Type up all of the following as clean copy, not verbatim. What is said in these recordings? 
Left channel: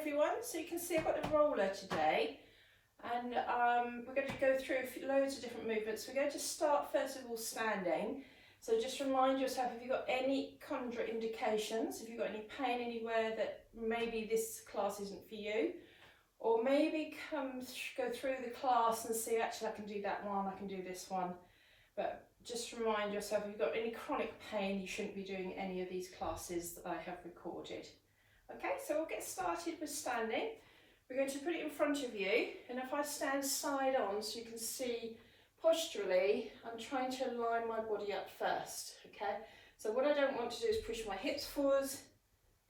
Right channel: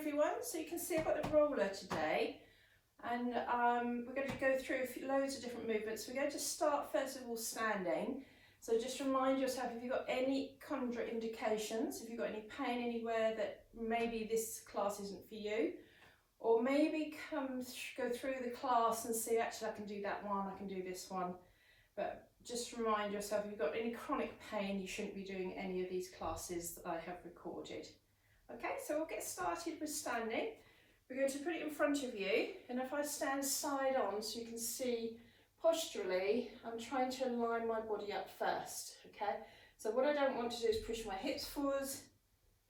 everyone. So you can see I've got the roller today, and we're going to go through loads of different movements. We're going to start first of all standing. So just remind yourself, if you've got any contraindications, if you've got any pain anywhere that maybe this class isn't for you, or maybe go through the class and see, actually I can do that one, I can do this one. But just remind yourself, if you've got any chronic pain, you shouldn't be doing any of these classes that I have recorded. Okay, so we'll get started with standing. We're going to put it in front of you, and if I stand side on so you can see posturally, I'm trying to line my body up first, okay? So what I don't want to do is push my hips forwards,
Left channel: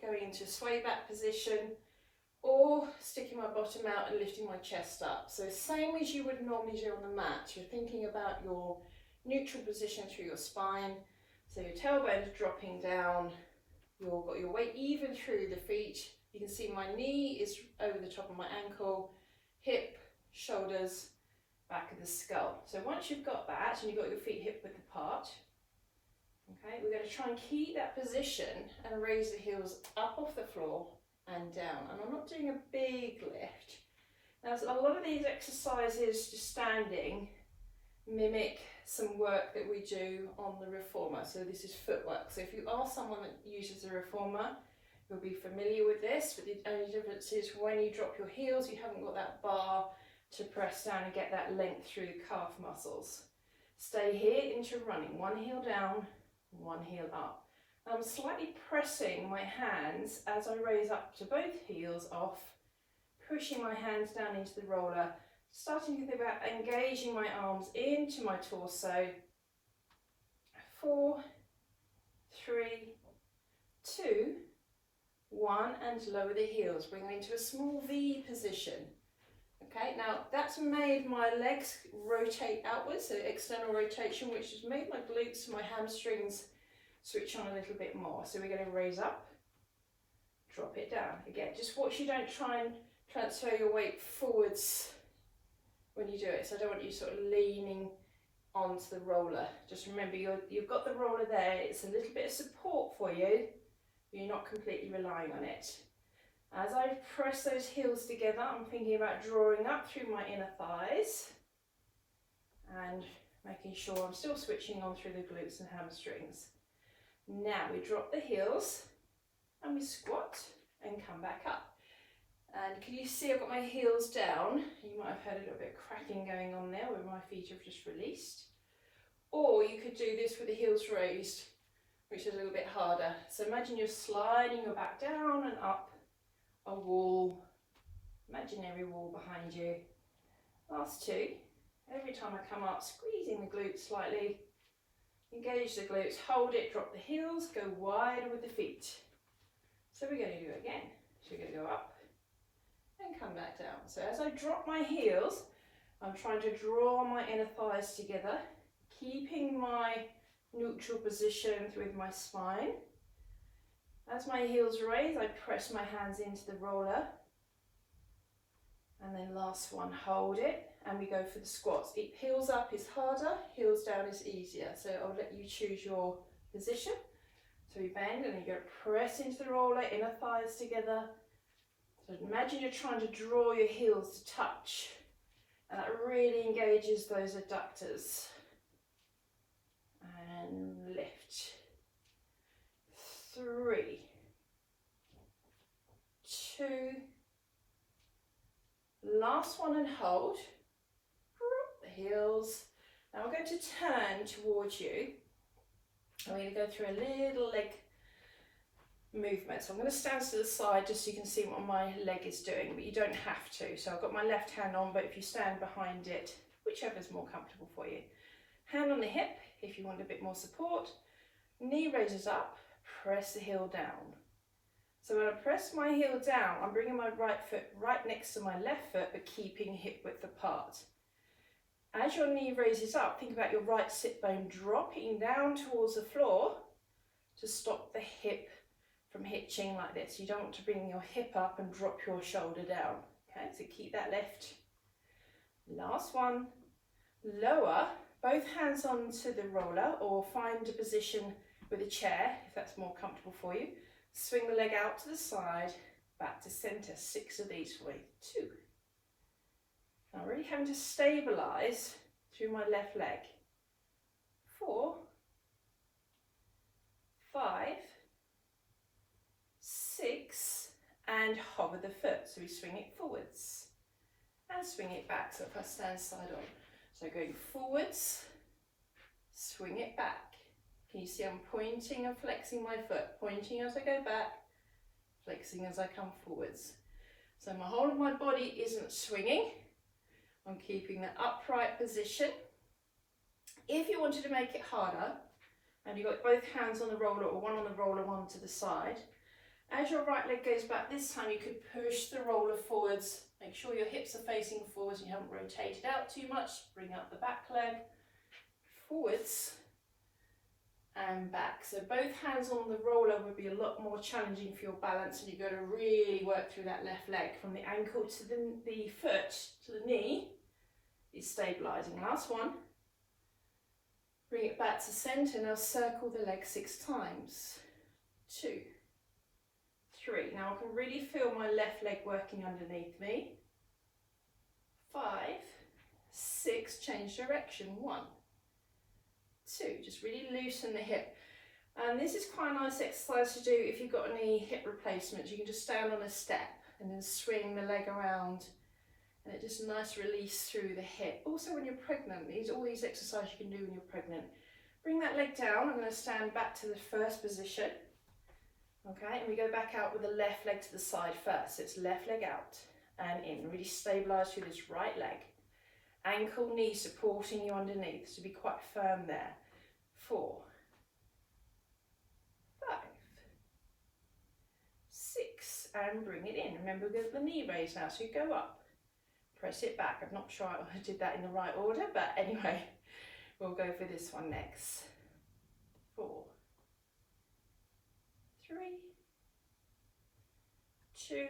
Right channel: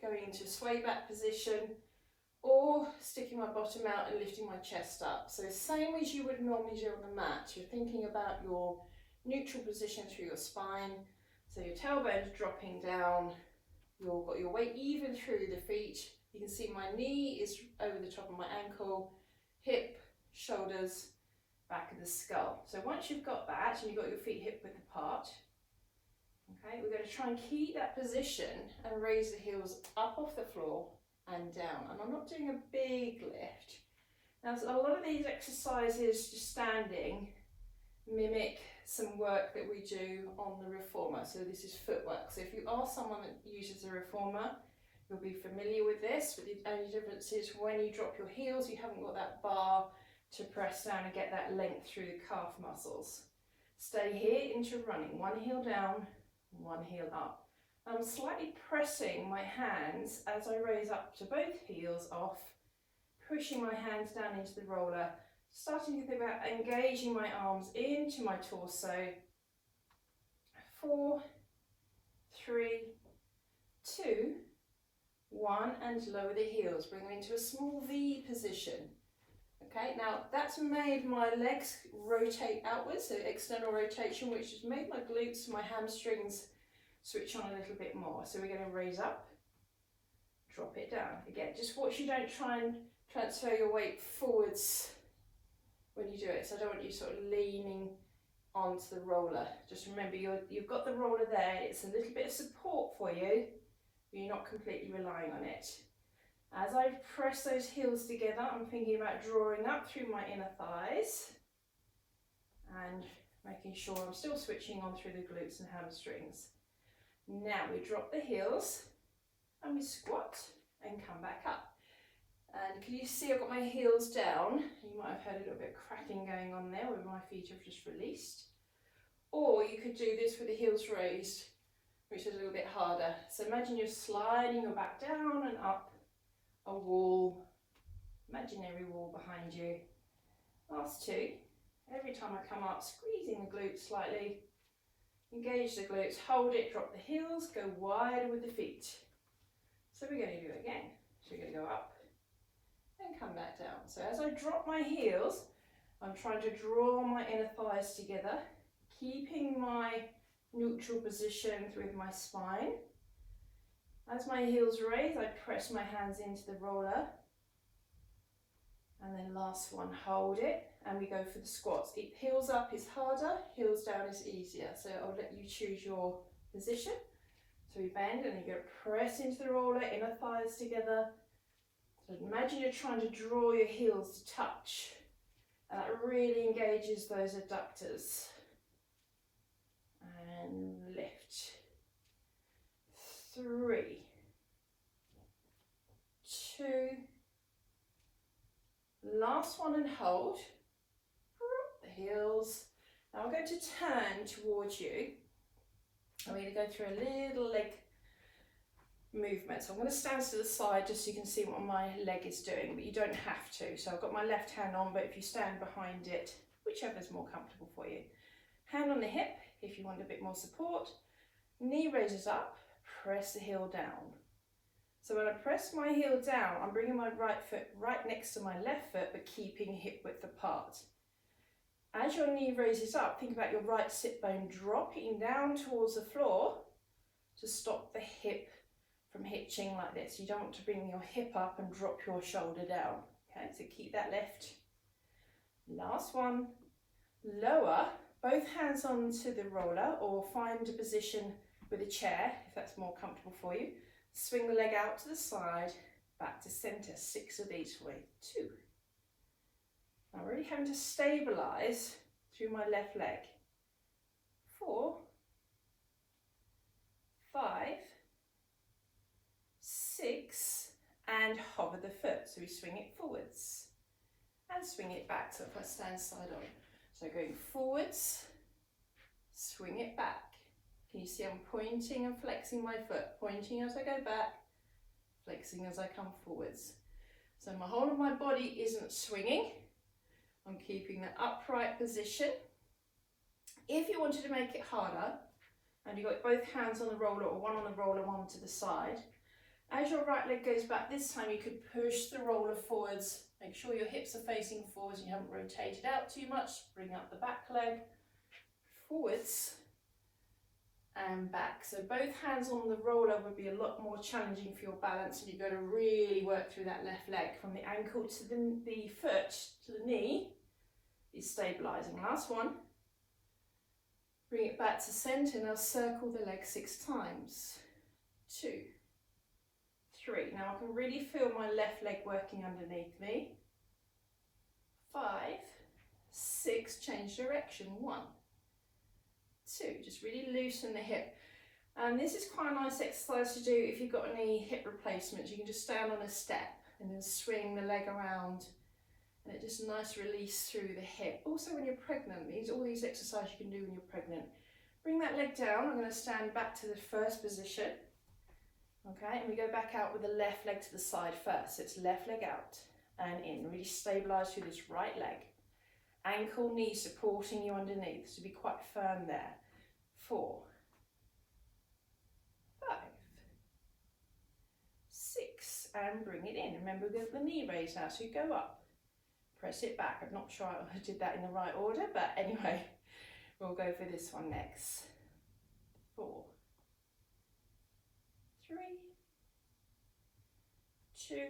going into a sway back position, or sticking my bottom out and lifting my chest up. So same as you would normally do on the mat, you're thinking about your neutral position through your spine, so your tailbone's dropping down, you've got your weight even through the feet. You can see my knee is over the top of my ankle, hip, shoulders, back of the skull. So once you've got that and you've got your feet hip width apart, okay, we're going to try and keep that position and raise the heels up off the floor and down. And I'm not doing a big lift. Now, a lot of these exercises, just standing, mimic some work that we do on the reformer. So this is footwork. So if you are someone that uses a reformer, you'll be familiar with this, but the only difference is when you drop your heels, you haven't got that bar to press down and get that length through the calf muscles. Stay here into running, one heel down, one heel up. I'm slightly pressing my hands as I raise up to both heels off, pushing my hands down into the roller, starting to think about engaging my arms into my torso. 4, 3, 2, 1, and lower the heels, bring them into a small V position. Okay, now that's made my legs rotate outwards, so external rotation, which has made my glutes, my hamstrings switch on a little bit more. So we're going to raise up, drop it down. Again, just watch you don't try and transfer your weight forwards when you do it. So I don't want you sort of leaning onto the roller. Just remember, you've got the roller there. It's a little bit of support for you, but you're not completely relying on it. As I press those heels together, I'm thinking about drawing up through my inner thighs and making sure I'm still switching on through the glutes and hamstrings. Now we drop the heels and we squat and come back up. And can you see I've got my heels down? You might have heard a little bit of cracking going on there where my feet have just released. Or you could do this with the heels raised, which is a little bit harder. So imagine you're sliding your back down and up a wall, imaginary wall behind you. Last two. Every time I come up, squeezing the glutes slightly, engage the glutes, hold it, drop the heels, go wider with the feet. So we're going to do it again. So we're going to go up and come back down. So as I drop my heels, I'm trying to draw my inner thighs together, keeping my neutral position with my spine. As my heels raise, I press my hands into the roller. And then last one, hold it, and we go for the squats. Heels up is harder, heels down is easier. So I'll let you choose your position. So we bend and you go press into the roller, inner thighs together. So imagine you're trying to draw your heels to touch. And that really engages those adductors. And lift. 3, 2, last one and hold. Drop the heels. Now we're going to turn towards you. I'm going to go through a little leg movement. So I'm going to stand to the side just so you can see what my leg is doing, but you don't have to. So I've got my left hand on, but if you stand behind it, whichever is more comfortable for you. Hand on the hip if you want a bit more support. Knee raises up, press the heel down. So when I press my heel down, I'm bringing my right foot right next to my left foot, but keeping hip width apart. As your knee raises up, think about your right sit bone dropping down towards the floor to stop the hip from hitching like this. You don't want to bring your hip up and drop your shoulder down. Okay, so keep that lift. Last one, lower, both hands onto the roller, or find a position with a chair if that's more comfortable for you. Swing the leg out to the side, back to center, 6 of these for me, 2. Now really having to stabilize through my left leg, 4, 5, 6, and hover the foot, so we swing it forwards and swing it back. So if I stand side on, so going forwards, swing it back. Can you see I'm pointing and flexing my foot, pointing as I go back, flexing as I come forwards. So my whole of my body isn't swinging. I'm keeping the upright position. If you wanted to make it harder, and you've got both hands on the roller, or one on the roller, one to the side, as your right leg goes back this time, you could push the roller forwards. Make sure your hips are facing forwards and you haven't rotated out too much. Bring up the back leg, forwards and back. So both hands on the roller would be a lot more challenging for your balance, and you've got to really work through that left leg. From the ankle to the foot to the knee is stabilizing. Last one. Bring it back to center. Now circle the leg 6 times. 2, 3. Now I can really feel my left leg working underneath me. 5, 6, change direction. 1, 2, just really loosen the hip. And this is quite a nice exercise to do if you've got any hip replacements. You can just stand on a step and then swing the leg around, and it just a nice release through the hip. Also when you're pregnant, all these exercises you can do when you're pregnant. Bring that leg down. I'm going to stand back to the first position. Okay, and we go back out with the left leg to the side first. So it's left leg out and in. Really stabilize through this right leg. Ankle, knee supporting you underneath, so be quite firm there. 4, 5, 6, and bring it in. Remember, we've got the knee raised now, so you go up, press it back. I'm not sure I did that in the right order, but anyway, we'll go for this one next. 4, 3, 2,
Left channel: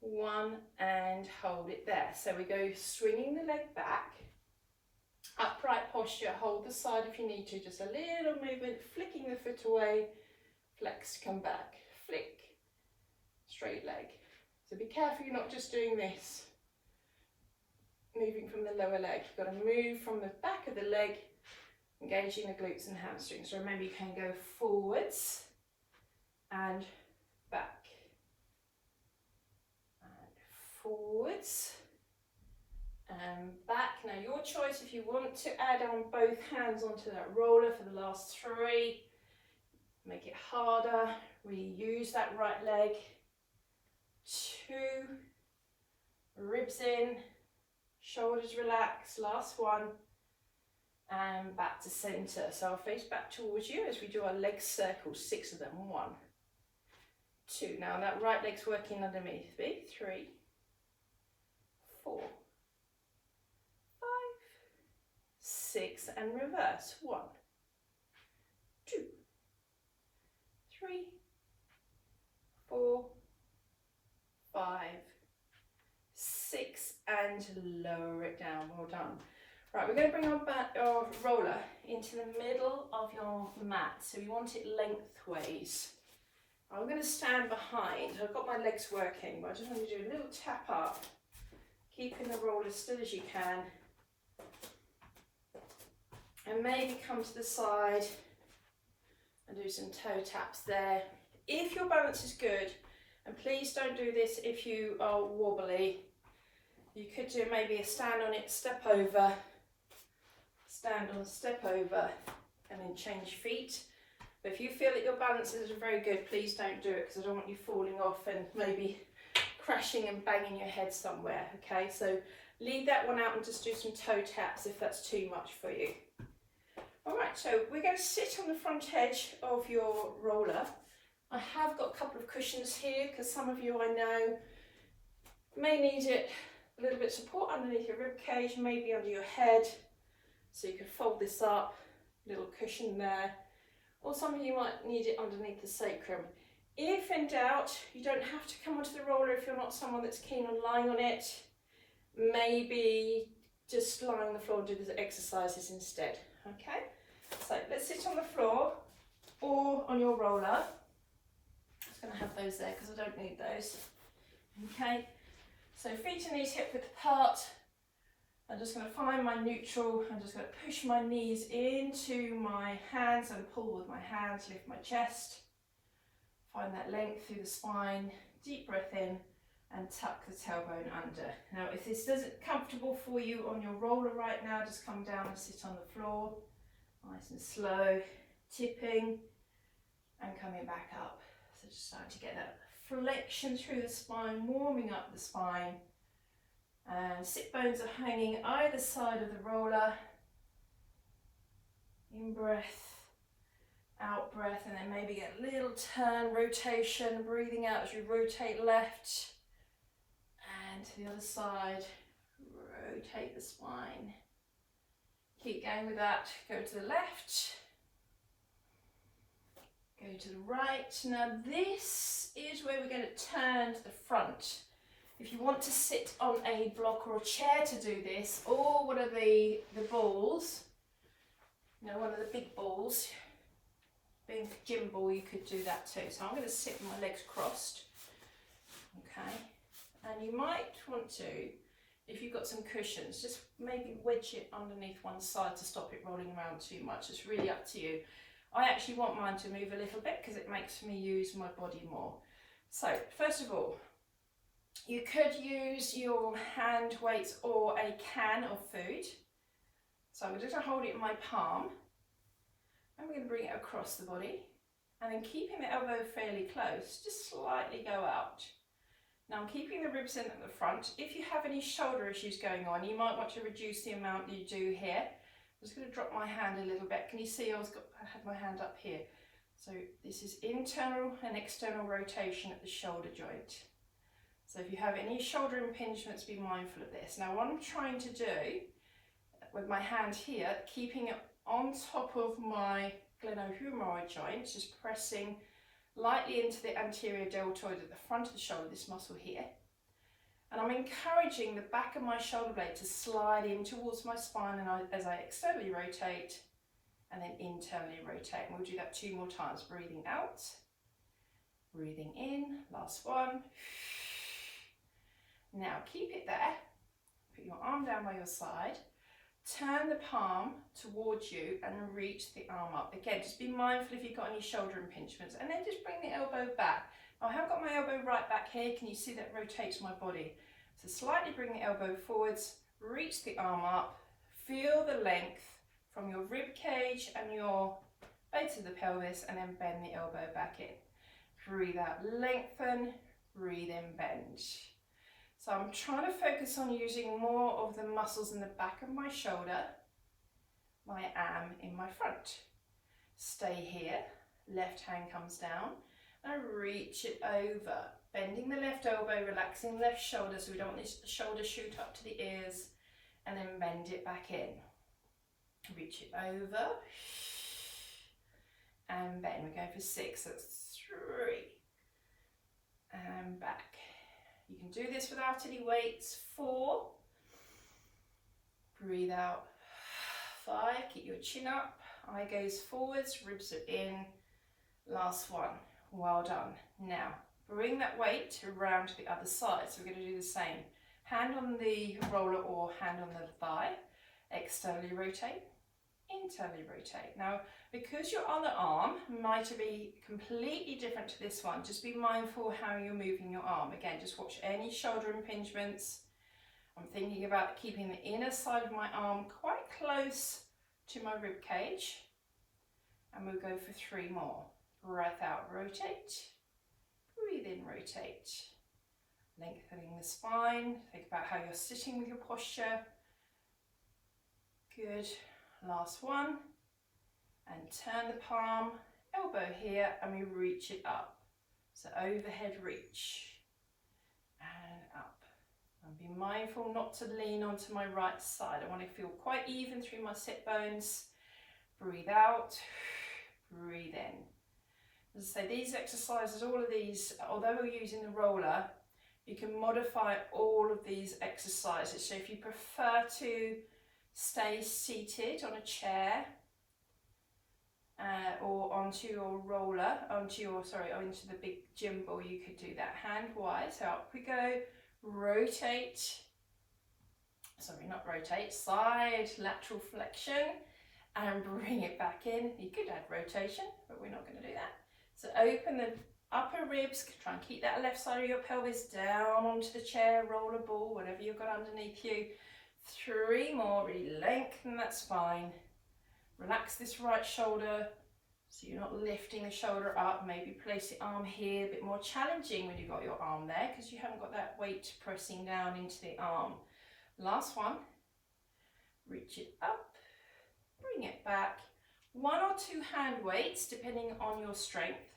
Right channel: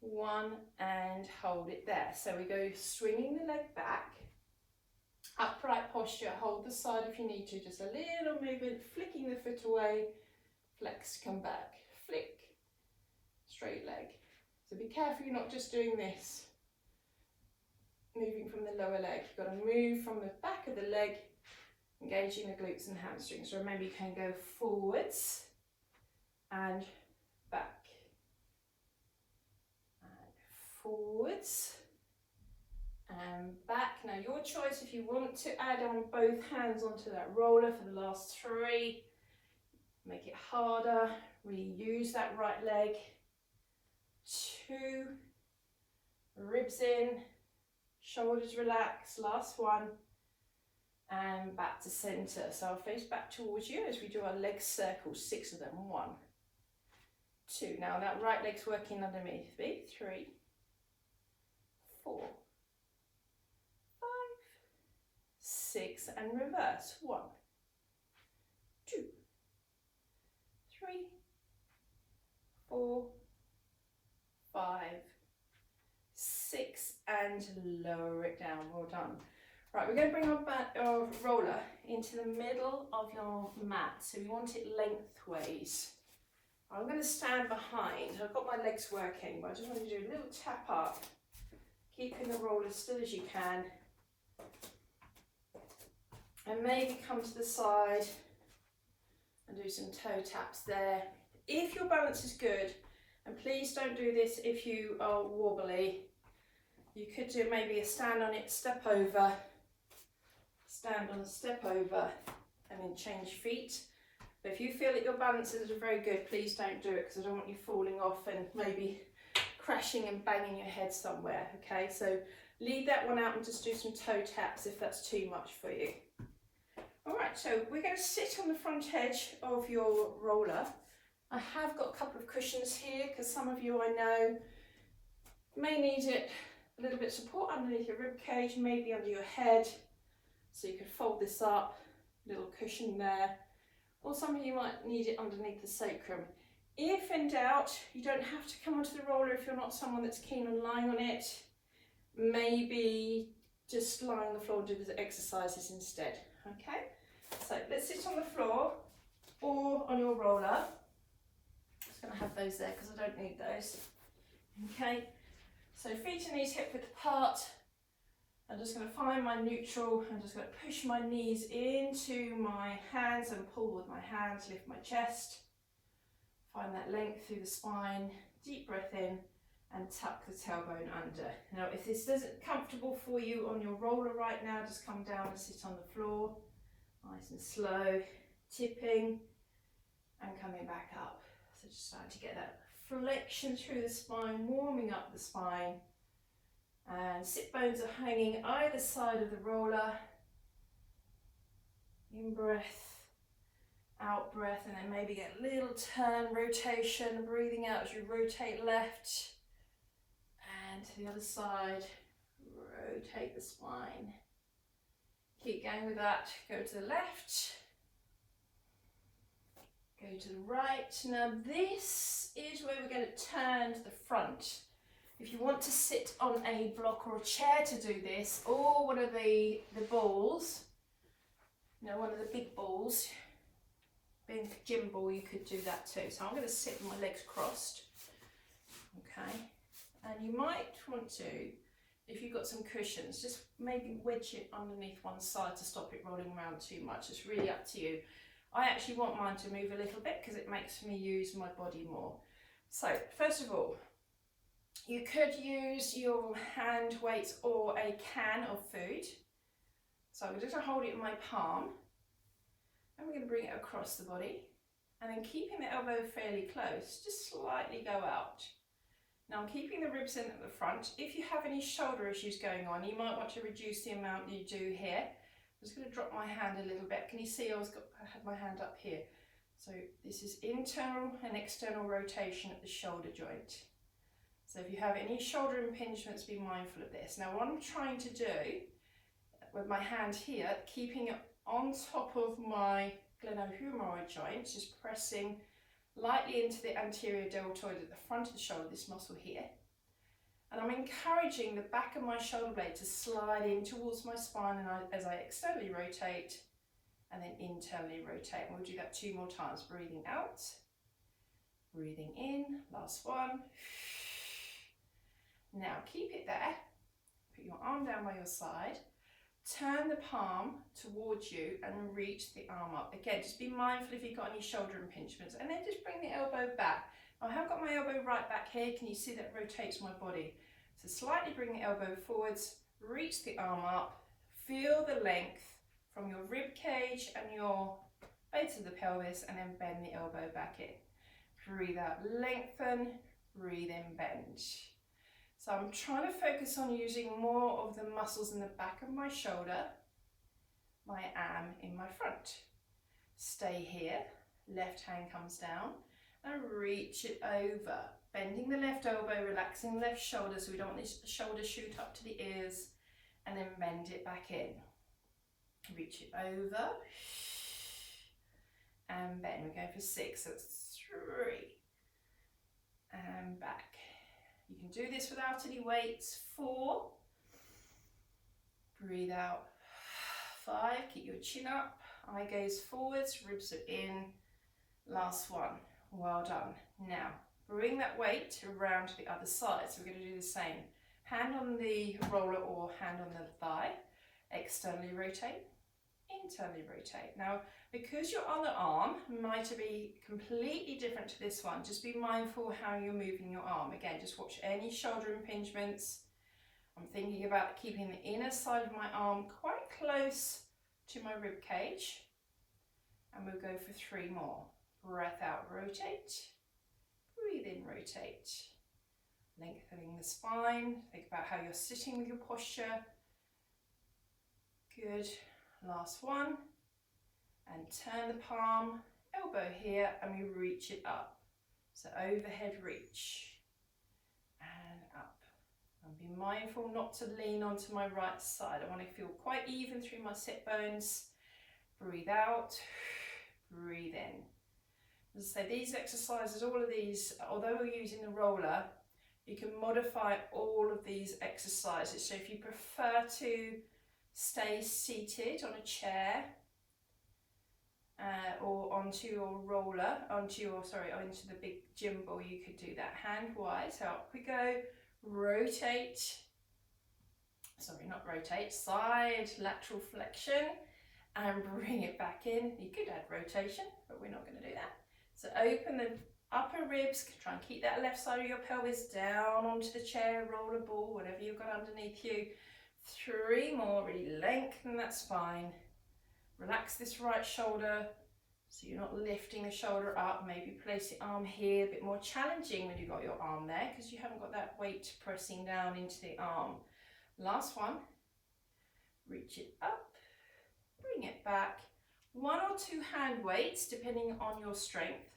1, and hold it there. So we go swinging the leg back, upright posture, hold the side if you need to, just a little movement, flicking the foot away, flex, come back, flick, straight leg. So be careful you're not just doing this, moving from the lower leg. You've got to move from the back of the leg, engaging the glutes and hamstrings. So remember, you can go forwards and back. Forwards and back. Now your choice if you want to add on both hands onto that roller for the last 3. Make it harder. Really use that right leg. 2. Ribs in. Shoulders relax. Last one. And back to center. So I'll face back towards you as we do our leg circles, 6 of them. 1, 2. Now that right leg's working underneath me. 3, 4, 5, 6, and reverse. 1, 2, 3, 4, 5, 6, and lower it down. Well done. Right, we're going to bring our roller into the middle of your mat. So we want it lengthways. I'm going to stand behind. I've got my legs working, but I just want to do a little tap up, keeping the roller as still as you can. And maybe come to the side and do some toe taps there. If your balance is good, and please don't do this if you are wobbly, you could do maybe a stand on it, step over, stand on a step over, and then change feet. But if you feel that your balance isn't very good, please don't do it, because I don't want you falling off and maybe crashing and banging your head somewhere. Okay, so leave that one out and just do some toe taps if that's too much for you. All right, so we're going to sit on the front edge of your roller. I have got a couple of cushions here because some of you I know may need it, a little bit of support underneath your rib cage, maybe under your head. So you could fold this up, little cushion there. Or some of you might need it underneath the sacrum. If in doubt, you don't have to come onto the roller if you're not someone that's keen on lying on it. Maybe just lie on the floor and do the exercises instead. Okay, so let's sit on the floor or on your roller. just going to have those there because I don't need those. Okay, so feet and knees hip width apart. I'm just going to find my neutral. I'm just going to push my knees into my hands and pull with my hands, lift my chest. Find that length through the spine, deep breath in and tuck the tailbone under. Now if this isn't comfortable for you on your roller right now, just come down and sit on the floor. Nice and slow, tipping and coming back up. So just starting to get that flexion through the spine, warming up the spine. And sit bones are hanging either side of the roller. In breath, out breath, and then maybe get a little turn, rotation, breathing out as you rotate left. And to the other side, rotate the spine. Keep going with that. Go to the left. Go to the right. Now this is where we're going to turn to the front. If you want to sit on a block or a chair to do this, or one of the balls, you know, one of the big balls, being a gym ball, you could do that too. So I'm going to sit with my legs crossed. Okay. And you might want to, if you've got some cushions, just maybe wedge it underneath one side to stop it rolling around too much. It's really up to you. I actually want mine to move a little bit because it makes me use my body more. So first of all, you could use your hand weights or a can of food. So I'm just going to hold it in my palm and we're going to bring it across the body and then keeping the elbow fairly close, just slightly go out. Now I'm keeping the ribs in at the front. If you have any shoulder issues going on, you might want to reduce the amount you do here. I'm just going to drop my hand a little bit. Can you see I had my hand up here? So this is internal and external rotation at the shoulder joint. So if you have any shoulder impingements, be mindful of this. Now what I'm trying to do with my hand here, keeping it on top of my glenohumeral joint, just pressing lightly into the anterior deltoid at the front of the shoulder, this muscle here. And I'm encouraging the back of my shoulder blade to slide in towards my spine and as I externally rotate and then internally rotate. And we'll do that 2 more times. Breathing out, breathing in, last one. Now keep it there, put your arm down by your side, turn the palm towards you and reach the arm up. Again, just be mindful if you've got any shoulder impingements and then just bring the elbow back. I have got my elbow right back here. Can you see that rotates my body? So slightly bring the elbow forwards, reach the arm up, feel the length from your rib cage and your base of the pelvis and then bend the elbow back in. Breathe out, lengthen, breathe in, bend. So I'm trying to focus on using more of the muscles in the back of my shoulder, my am in my front. Stay here, left hand comes down and reach it over. Bending the left elbow, relaxing the left shoulder so we don't want this shoulder shoot up to the ears and then bend it back in. Reach it over and bend. We're going for 6, so that's 3 and back. You can do this without any weights. 4, breathe out. 5, keep your chin up, eye gaze forwards, ribs are in. Last one, well done. Now, bring that weight around to the other side. So we're going to do the same. Hand on the roller or hand on the thigh, externally rotate, internally rotate. Now, because your other arm might be completely different to this one, just be mindful how you're moving your arm. Again, just watch any shoulder impingements. I'm thinking about keeping the inner side of my arm quite close to my rib cage. And we'll go for 3 more. Breath out, rotate. Breathe in, rotate. Lengthening the spine. Think about how you're sitting with your posture. Good. Last one. And turn the palm, elbow here, and we reach it up. So overhead reach. And up. And be mindful not to lean onto my right side. I want to feel quite even through my sit bones. Breathe out. Breathe in. As I say, these exercises, all of these, although we're using the roller, you can modify all of these exercises. So if you prefer to stay seated on a chair, or onto your roller, onto the big gym ball. You could do that hand wide. So up we go, rotate, sorry, not rotate, side lateral flexion, and bring it back in. You could add rotation, but we're not going to do that. So open the upper ribs, try and keep that left side of your pelvis down onto the chair, roller ball, whatever you've got underneath you. 3 more, really lengthen that spine. Relax this right shoulder so you're not lifting the shoulder up. Maybe place the arm here, a bit more challenging when you've got your arm there because you haven't got that weight pressing down into the arm. Last one, reach it up, bring it back. 1 or 2 hand weights depending on your strength.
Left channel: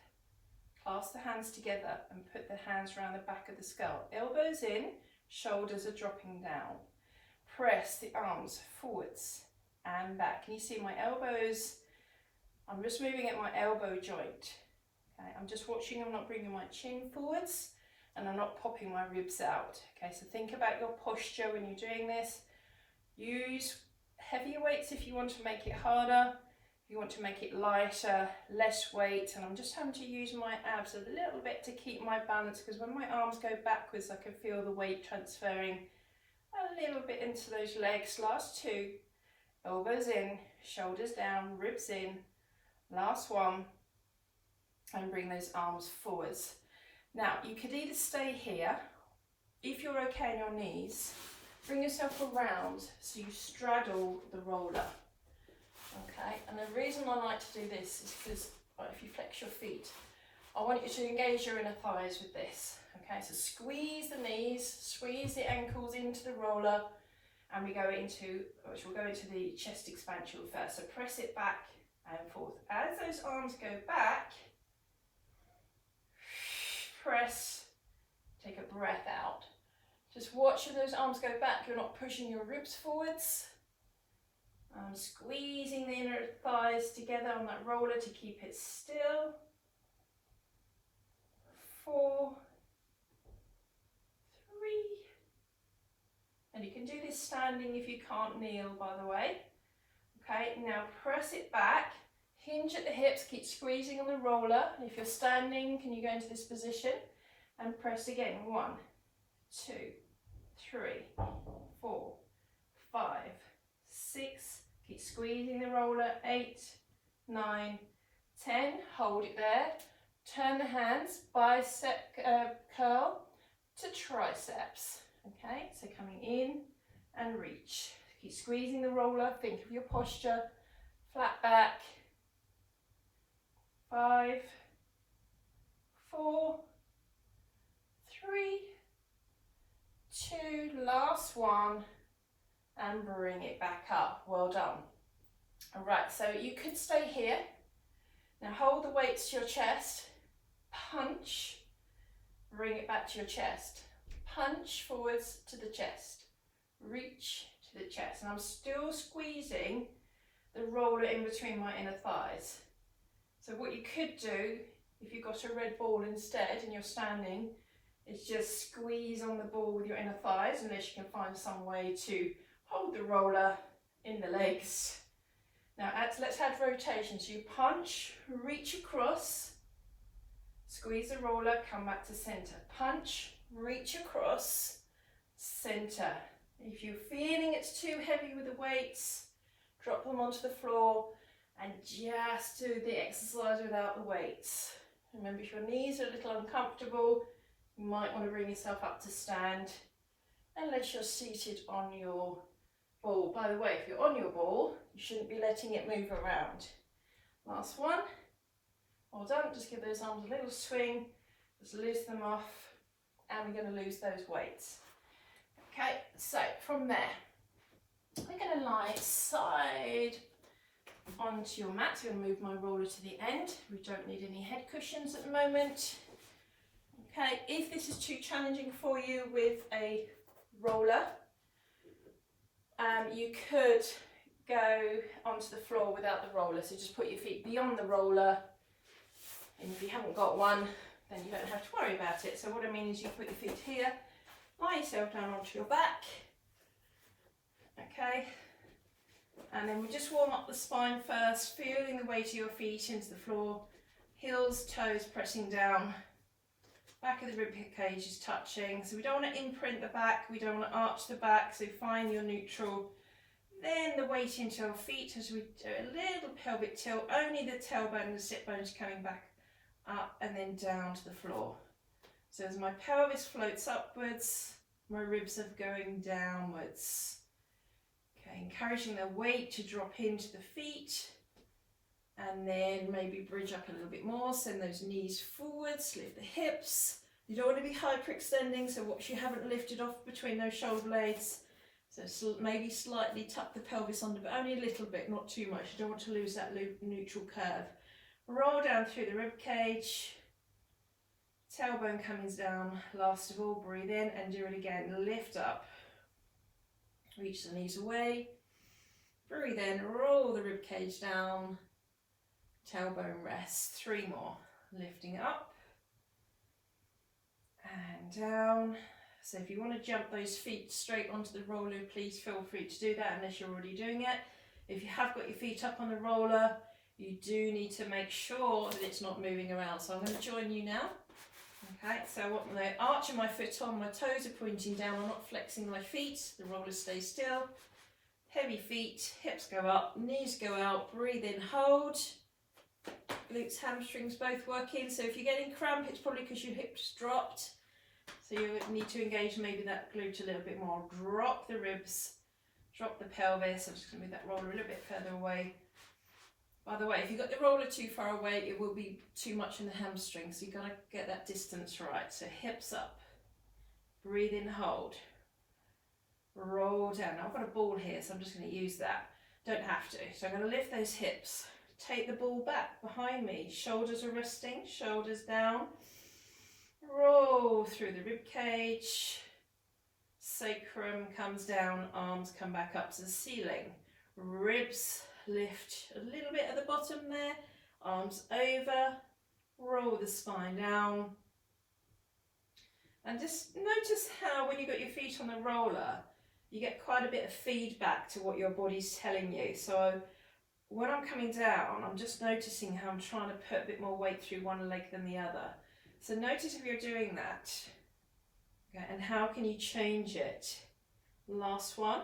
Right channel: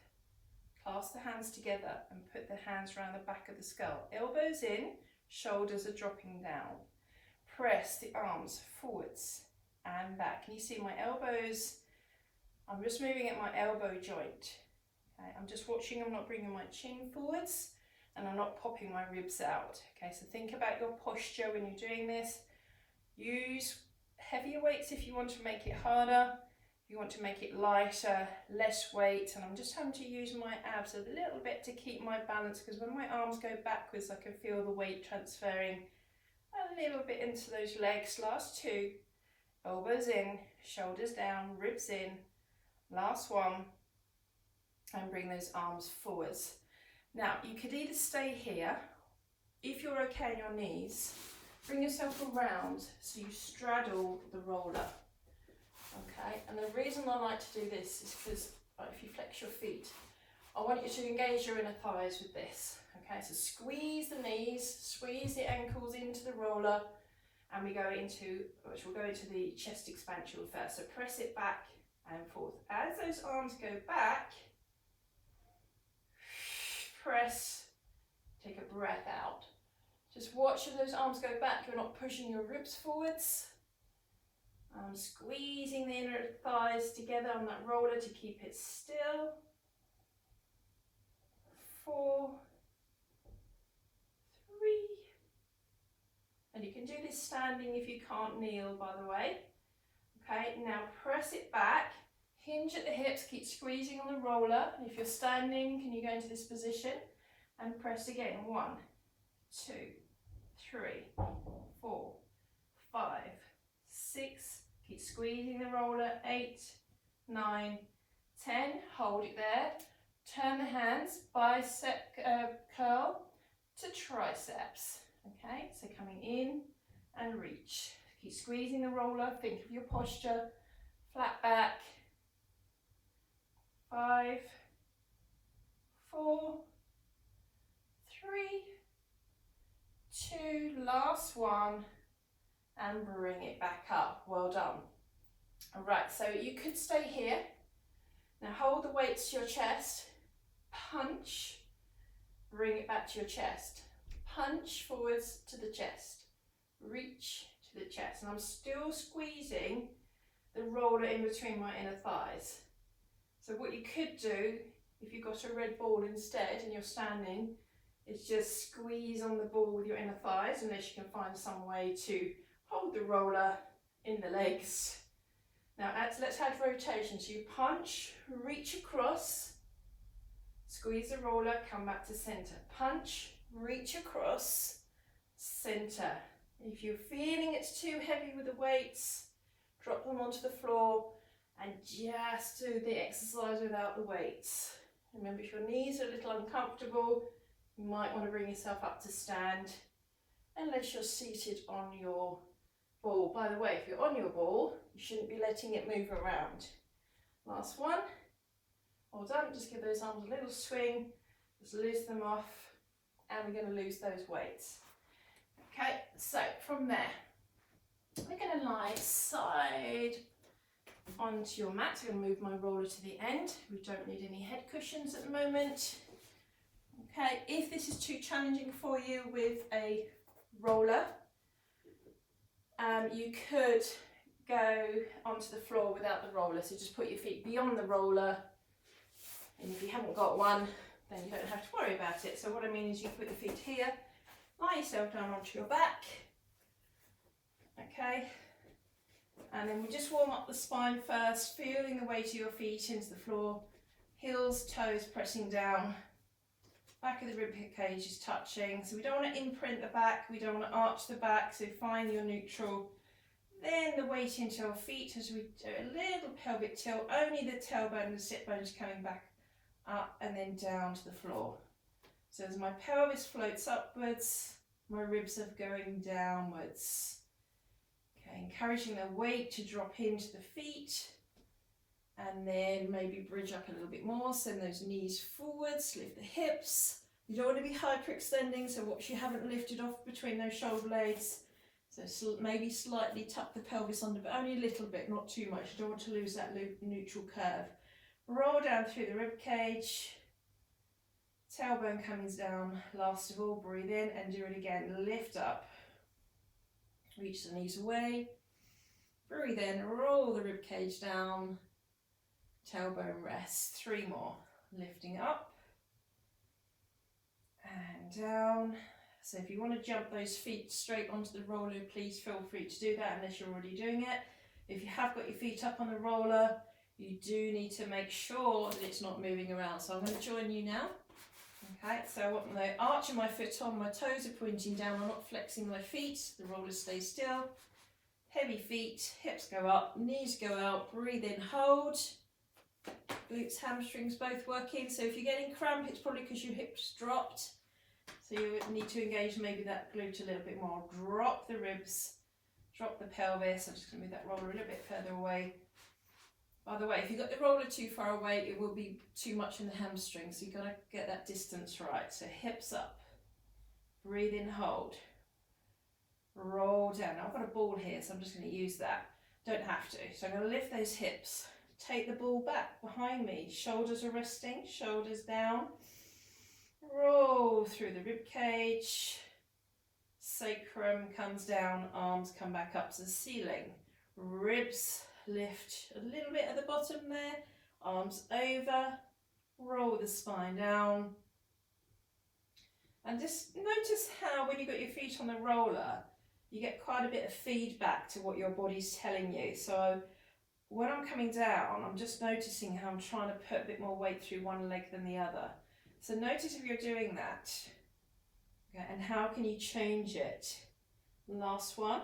Clasp the hands together and put the hands around the back of the skull. Elbows in, shoulders are dropping down. Press the arms forwards and back. Can you see my elbows? I'm just moving at my elbow joint. Okay, I'm just watching, I'm not bringing my chin forwards and I'm not popping my ribs out. Okay, so think about your posture when you're doing this. Use heavier weights if you want to make it harder. If you want to make it lighter, less weight. And I'm just having to use my abs a little bit to keep my balance because when my arms go backwards, I can feel the weight transferring a little bit into those legs. Last 2, elbows in, shoulders down, ribs in. Last one, and bring those arms forwards. Now you could either stay here, if you're okay on your knees, bring yourself around so you straddle the roller. Okay, and the reason I like to do this is because if you flex your feet, I want you to engage your inner thighs with this. Okay, so squeeze the knees, squeeze the ankles into the roller, and we'll go into the chest expansion first. So press it back and forth. As those arms go back, press, take a breath out. Just watch as those arms go back. You're not pushing your ribs forwards. Squeezing the inner thighs together on that roller to keep it still. 4, 3, and you can do this standing if you can't kneel, by the way. Okay, now press it back, hinge at the hips, keep squeezing on the roller. And if you're standing, can you go into this position and press again? 1, 2, 3, 4, 5, 6, keep squeezing the roller, 8, 9, 10, hold it there. Turn the hands, bicep curl to triceps. Okay, so coming in and reach. Keep squeezing the roller, think of your posture, flat back. 5, 4, 3, 2, last one, and bring it back up. Well done. All right, so you could stay here. Now hold the weights to your chest, punch, bring it back to your chest, punch forwards to the chest, reach to the chest, and I'm still squeezing the roller in between my inner thighs. So what you could do, if you've got a red ball instead and you're standing, is just squeeze on the ball with your inner thighs, unless you can find some way to hold the roller in the legs. Now let's add rotation. So you punch, reach across, squeeze the roller, come back to center. Punch, reach across, center. If you're feeling it's too heavy with the weights, drop them onto the floor and just do the exercise without the weights. Remember, if your knees are a little uncomfortable, you might want to bring yourself up to stand, unless you're seated on your ball. By the way, if you're on your ball, you shouldn't be letting it move around. Last one. Well done. Just give those arms a little swing, just loose them off, and we're going to lose those weights. Okay, so from there, we're going to lie side onto your mat. So I'm going to move my roller to the end. We don't need any head cushions at the moment. Okay, if this is too challenging for you with a roller, you could go onto the floor without the roller. So just put your feet beyond the roller, and if you haven't got one, then you don't have to worry about it. So what I mean is you put your feet here, lie yourself down onto your back, okay, And then we just warm up the spine first, feeling the weight of your feet into the floor, heels, toes pressing down, back of the rib cage is touching. So we don't want to imprint the back, we don't want to arch the back, so find your neutral. Then the weight into our feet as we do a little pelvic tilt, only the tailbone and the sit bone is coming back up and then down to the floor. So as my pelvis floats upwards, my ribs are going downwards. Okay, encouraging the weight to drop into the feet and then maybe bridge up a little bit more. Send those knees forwards, lift the hips. You don't want to be hyperextending, so watch you haven't lifted off between those shoulder blades. So maybe slightly tuck the pelvis under, but only a little bit, not too much. You don't want to lose that neutral curve. Roll down through the rib cage. Tailbone coming down. Last of all, breathe in and do it again. Lift up. Reach the knees away. Breathe in, roll the rib cage down. Tailbone rest. 3 more. Lifting up and down. So if you want to jump those feet straight onto the roller, please feel free to do that unless you're already doing it. If you have got your feet up on the roller, you do need to make sure that it's not moving around. So I'm going to join you now. Okay, so I want the arch of my foot on, my toes are pointing down, I'm not flexing my feet, the roller stays still. Heavy feet, hips go up, knees go out, breathe in, hold. Glutes, hamstrings both working. So if you're getting cramp, it's probably because your hips dropped. So you need to engage maybe that glute a little bit more. Drop the ribs, drop the pelvis. I'm just going to move that roller a little bit further away. By the way, if you've got the roller too far away, it will be too much in the hamstring. So you've got to get that distance right. So hips up, breathe in, hold. Roll down. Now I've got a ball here, so I'm just going to use that. Don't have to. So I'm going to lift those hips. Take the ball back behind me. Shoulders are resting, shoulders down. Roll through the rib cage. Sacrum comes down, arms come back up to the ceiling. Ribs lift a little bit at the bottom there. Arms over. Roll the spine down. And just notice how when you've got your feet on the roller, you get quite a bit of feedback to what your body's telling you. So when I'm coming down, I'm just noticing how I'm trying to put a bit more weight through one leg than the other. So notice if you're doing that, okay, and how can you change it? Last one,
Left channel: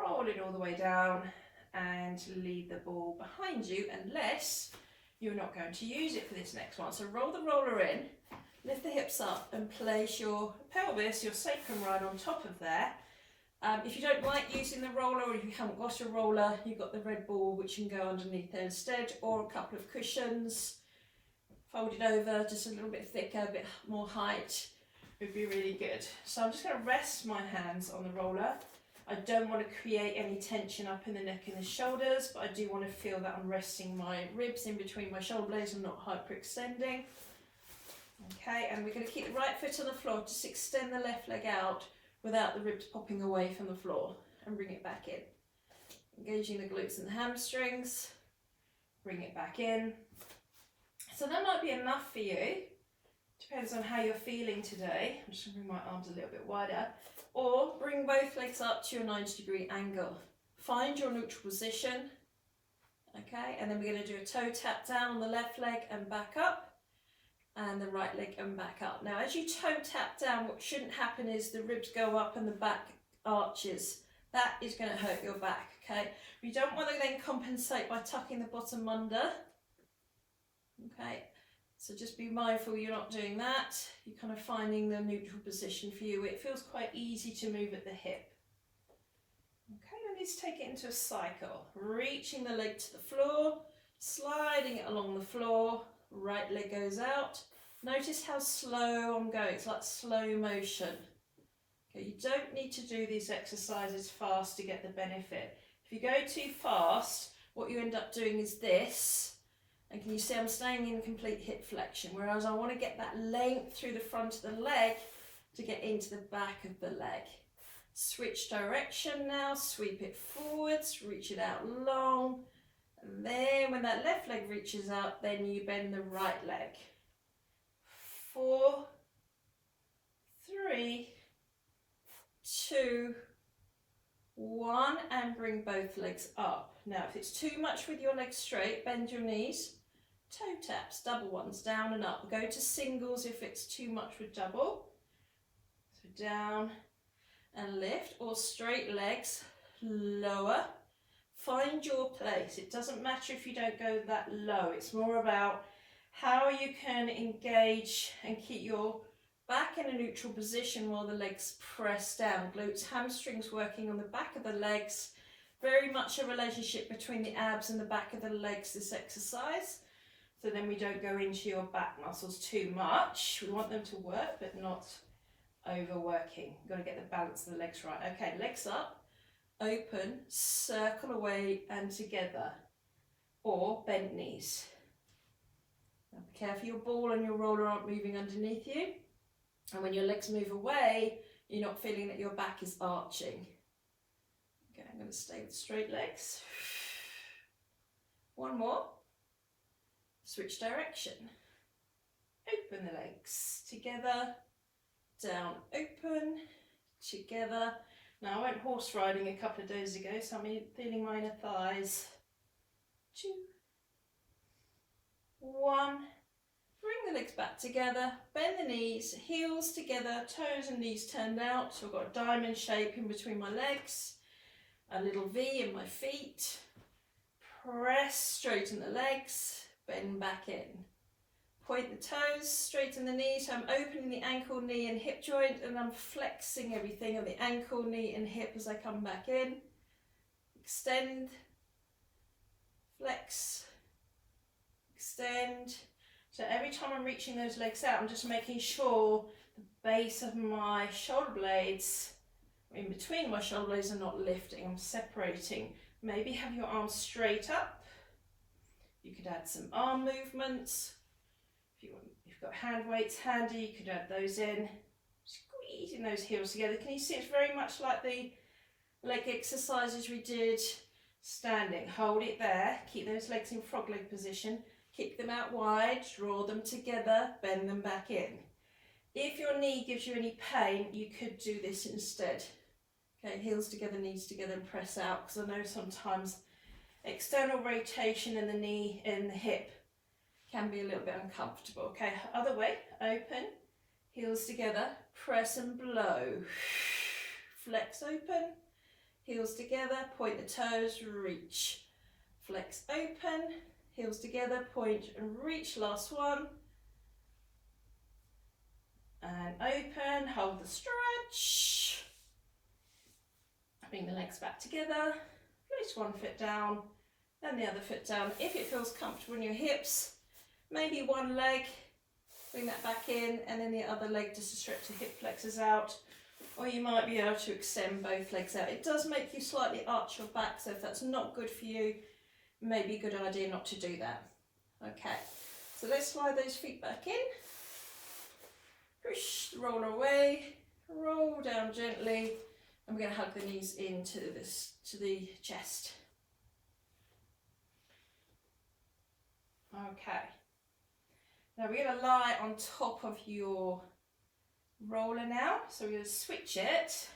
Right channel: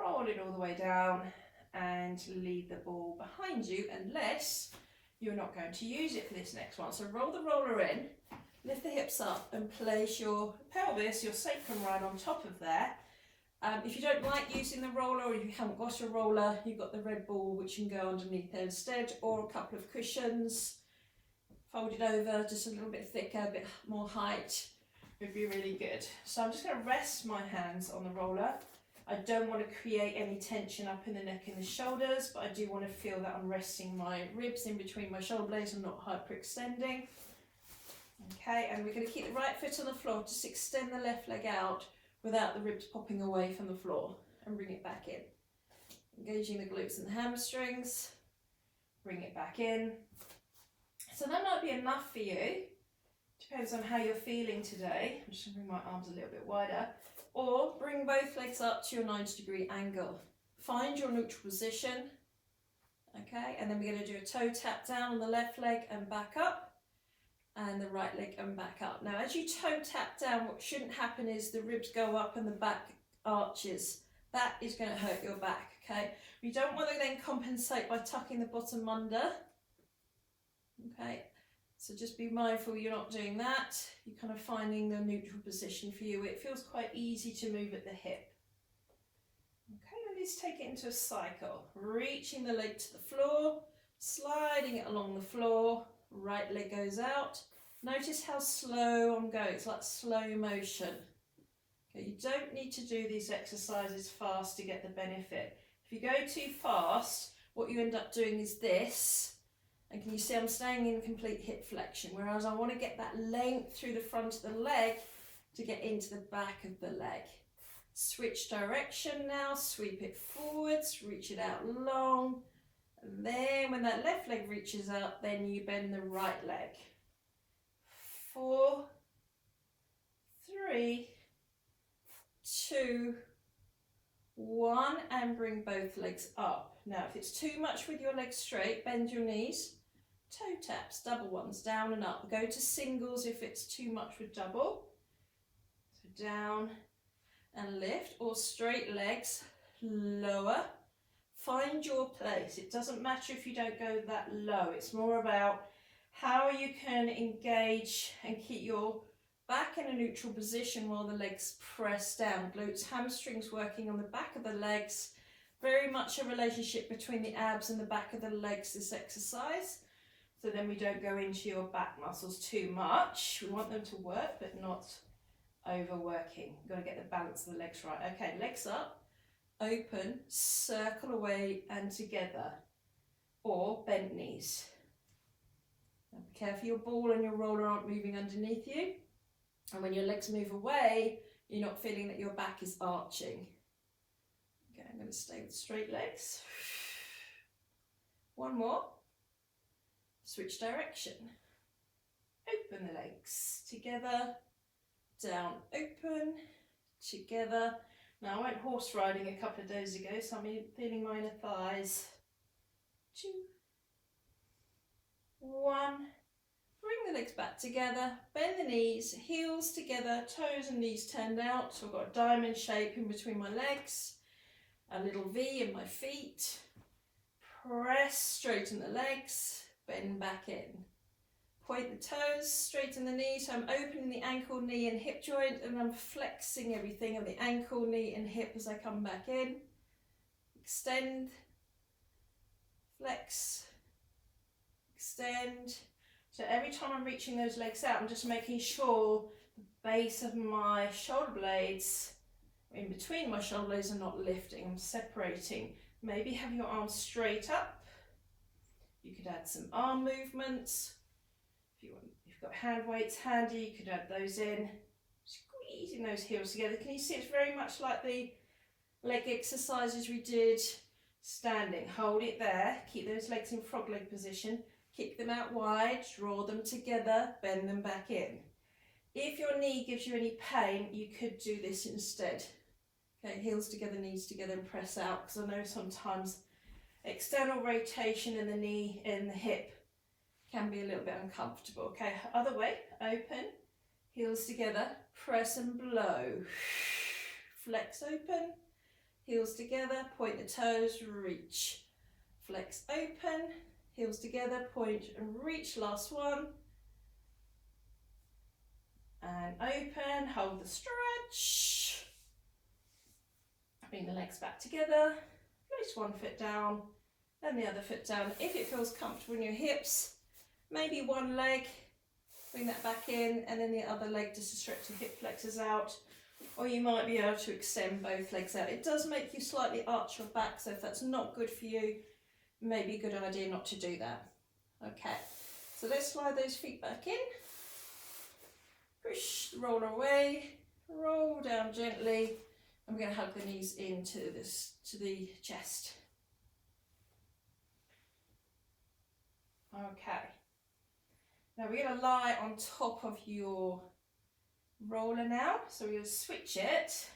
roll it all the way down and leave the ball behind you unless you're not going to use it for this next one. So roll the roller in, lift the hips up and place your pelvis, your sacrum right on top of there. If you don't like using the roller or if you haven't got a roller, you've got the red ball which can go underneath there instead, or a couple of cushions. Fold it over just a little bit thicker, a bit more height would be really good. So I'm just going to rest my hands on the roller. I don't want to create any tension up in the neck and the shoulders, but I do want to feel that I'm resting my ribs in between my shoulder blades. I'm not hyperextending. Okay, and we're going to keep the right foot on the floor. Just extend the left leg out without the ribs popping away from the floor and bring it back in. Engaging the glutes and the hamstrings. Bring it back in. So that might be enough for you. Depends on how you're feeling today. I'm just going to bring my arms a little bit wider. Or bring both legs up to your 90-degree angle. Find your neutral position. Okay, and then we're going to do a toe tap down on the left leg and back up. And the right leg and back up. Now as you toe tap down, what shouldn't happen is the ribs go up and the back arches. That is going to hurt your back, okay? We don't want to then compensate by tucking the bottom under. Okay, so just be mindful you're not doing that. You're kind of finding the neutral position for you. It feels quite easy to move at the hip. Okay, and let's take it into a cycle. Reaching the leg to the floor, sliding it along the floor. Right leg goes out. Notice how slow I'm going. It's like slow motion. Okay, you don't need to do these exercises fast to get the benefit. If you go too fast, what you end up doing is this. And can you see I'm staying in complete hip flexion, whereas I want to get that length through the front of the leg to get into the back of the leg. Switch direction now, sweep it forwards, reach it out long. And then when that left leg reaches up, then you bend the right leg. 4, 3, 2, 1. 1, and bring both legs up. Now, if it's too much with your legs straight, bend your knees, toe taps, double ones, down and up. Go to singles if it's too much with double. So down and lift, or straight legs, lower. Find your place. It doesn't matter if you don't go that low. It's more about how you can engage and keep your back in a neutral position while the legs press down. Glutes, hamstrings working on the back of the legs. Very much a relationship between the abs and the back of the legs, this exercise. So then we don't go into your back muscles too much. We want them to work, but not overworking. You've got to get the balance of the legs right. Okay, legs up, open, circle away and together, or bent knees. Now be careful your ball and your roller aren't moving underneath you. And when your legs move away, you're not feeling that your back is arching. Okay, I'm going to stay with straight legs. One more. Switch direction. Open the legs. Together. Down, open. Together. Now I went horse riding a couple of days ago, so I'm feeling my inner thighs. 2, 1. Bring the legs back together, bend the knees, heels together, toes and knees turned out. So I've got a diamond shape in between my legs, a little V in my feet. Press, straighten the legs, bend back in. Point the toes, straighten the knees. So I'm opening the ankle, knee and hip joint, and I'm flexing everything on the ankle, knee and hip as I come back in. Extend, flex, extend. So every time I'm reaching those legs out, I'm just making sure the base of my shoulder blades, in between my shoulder blades, are not lifting. I'm separating. Maybe have your arms straight up. You could add some arm movements. If you've got hand weights handy, you could add those in. Squeezing those heels together. Can you see it's very much like the leg exercises we did standing. Hold it there. Keep those legs in frog leg position. Kick them out wide, draw them together, bend them back in. If your knee gives you any pain, you could do this instead. Okay, heels together, knees together and press out, because I know sometimes external rotation in the knee and the hip can be a little bit uncomfortable. Okay, other way, open, heels together, press and blow. Flex open, heels together, point the toes, reach. Flex open, heels together, point and reach, last one. And open, hold the stretch. Bring the legs back together, place one foot down, then the other foot down. If it feels comfortable in your hips, maybe one leg, bring that back in, and then the other leg just to stretch the hip flexors out. Or you might be able to extend both legs out. It does make you slightly arch your back, so if that's not good for you, maybe a good idea not to do that. Okay, so let's slide those feet back in. Push the roller away, roll down gently, and we're going to hug the knees into the chest. Okay, now we're going to lie on top of your roller now, so we're going to switch it.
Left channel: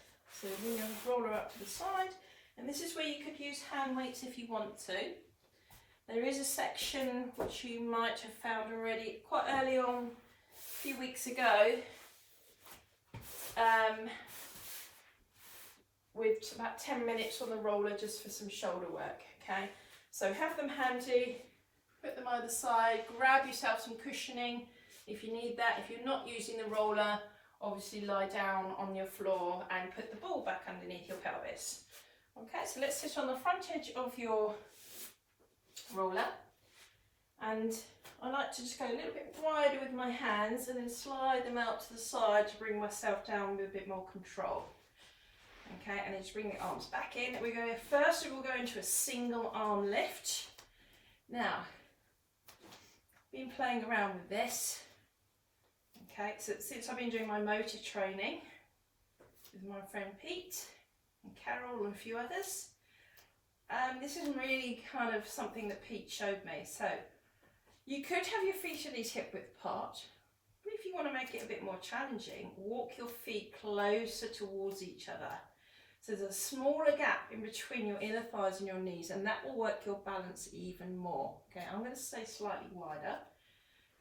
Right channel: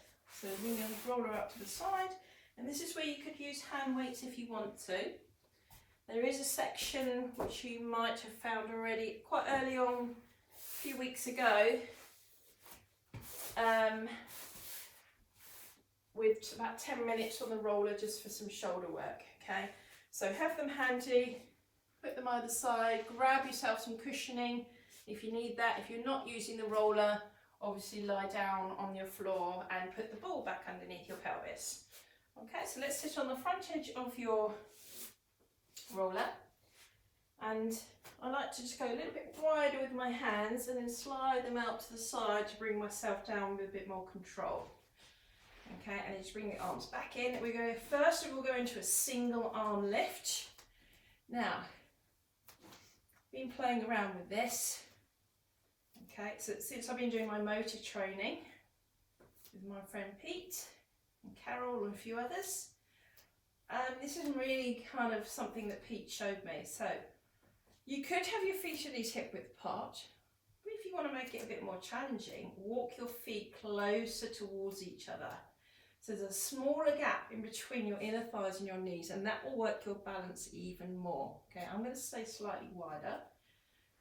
So bring your roller up to the side, and this is where you could use hand weights if you want to. There is a section which you might have found already quite early on, a few weeks ago, with about 10 minutes on the roller just for some shoulder work. Okay, so have them handy, put them either side, grab yourself some cushioning if you need that. If you're not using the roller, obviously lie down on your floor and put the ball back underneath your pelvis. Okay, so let's sit on the front edge of your roller, and I like to just go a little bit wider with my hands and then slide them out to the side to bring myself down with a bit more control. Okay, and then just bring the arms back in. We're going to first we'll go into a single arm lift. Now, been playing around with this. Okay, so since I've been doing my motor training with my friend Pete and Carol and a few others, this is really kind of something that Pete showed me. So you could have your feet and knees hip width apart, but if you want to make it a bit more challenging, walk your feet closer towards each other. So there's a smaller gap in between your inner thighs and your knees, and that will work your balance even more. Okay, I'm going to stay slightly wider.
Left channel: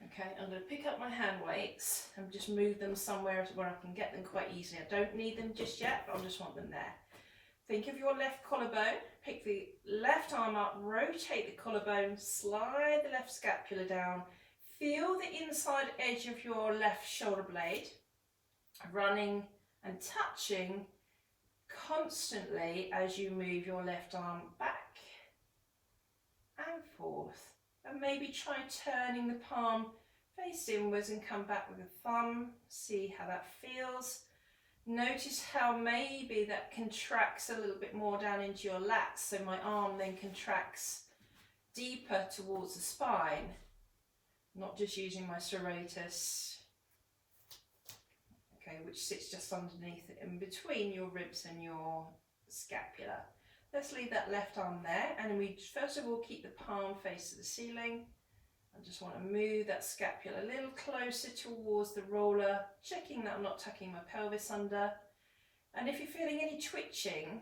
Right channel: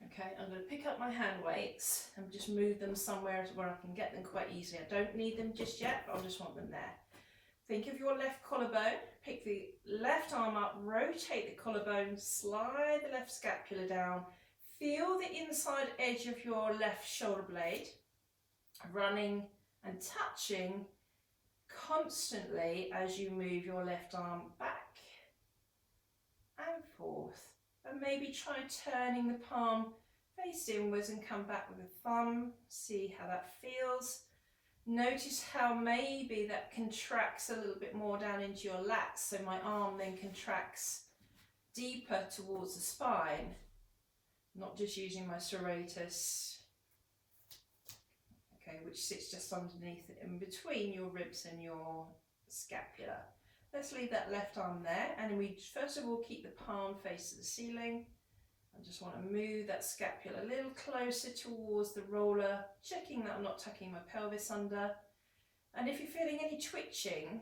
Okay, I'm going to pick up my hand weights and just move them somewhere where I can get them quite easily. I don't need them just yet, but I just want them there. Think of your left collarbone, pick the left arm up, rotate the collarbone, slide the left scapula down, feel the inside edge of your left shoulder blade running and touching constantly as you move your left arm back and forth. And maybe try turning the palm face inwards and come back with a thumb. See how that feels. Notice how maybe that contracts a little bit more down into your lats, so my arm then contracts deeper towards the spine, not just using my serratus, okay, which sits just underneath it, in between your ribs and your scapula. Let's leave that left arm there, and we first of all keep the palm face to the ceiling. I just want to move that scapula a little closer towards the roller, checking that I'm not tucking my pelvis under. And if you're feeling any twitching,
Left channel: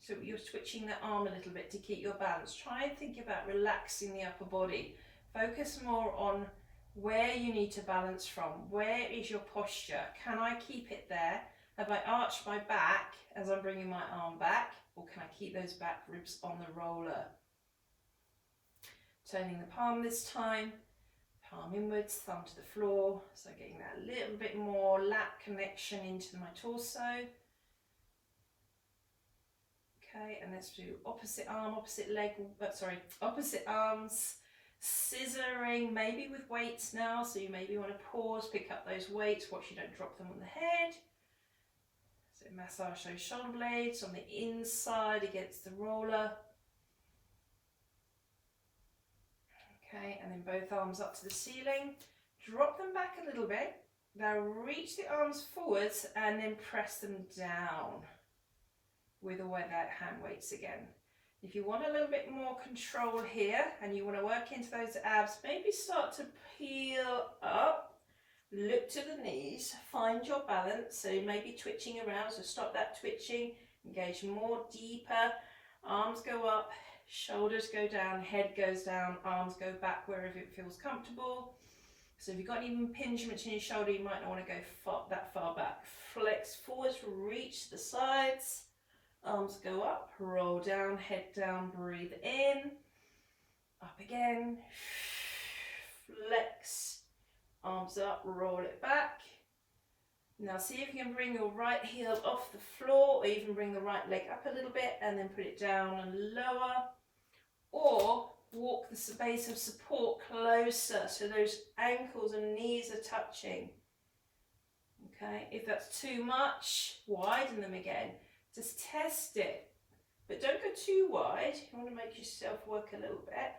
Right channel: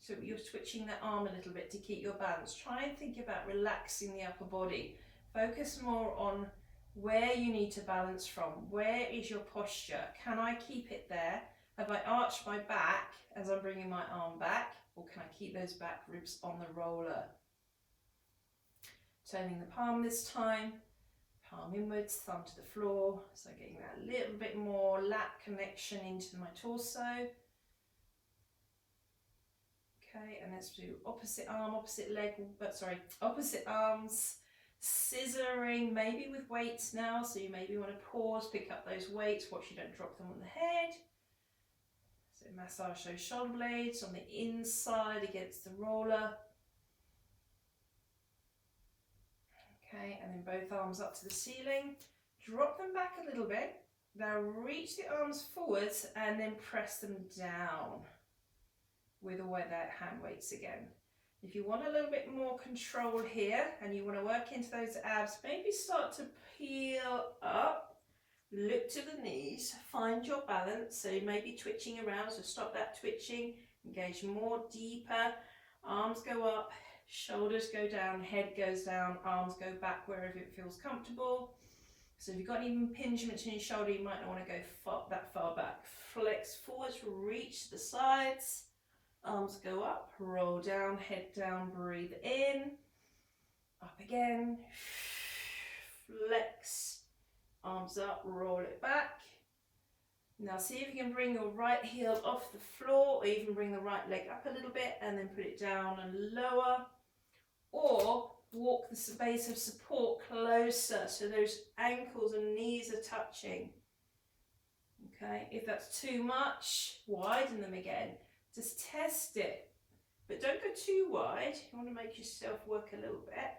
so you're twitching that arm a little bit to keep your balance, try and think about relaxing the upper body. Focus more on where you need to balance from. Where is your posture? Can I keep it there? Have I arched my back as I'm bringing my arm back? Or can I keep those back ribs on the roller? Turning the palm this time, palm inwards, thumb to the floor. So getting that little bit more lat connection into my torso. Okay, and let's do opposite arm, opposite leg, opposite arms, scissoring, maybe with weights now. So you maybe want to pause, pick up those weights, watch you don't drop them on the head. So massage those shoulder blades on the inside against the roller. Okay, and then both arms up to the ceiling. Drop them back a little bit. Now reach the arms forwards and then press them down with the hand weights again. If you want a little bit more control here and you want to work into those abs, maybe start to peel up, look to the knees, find your balance. So you may be twitching around, so stop that twitching, engage more deeper, arms go up, shoulders go down, head goes down, arms go back wherever it feels comfortable. So if you've got any impingements in your shoulder, you might not want to go that far back. Flex forwards, reach the sides, arms go up, roll down, head down, breathe in, up again, flex, arms up, roll it back. Now see if you can bring your right heel off the floor, or even bring the right leg up a little bit and then put it down and lower. Or walk the base of support closer so those ankles and knees are touching. Okay, if that's too much, widen them again. Just test it, but don't go too wide. You want to make yourself work a little bit.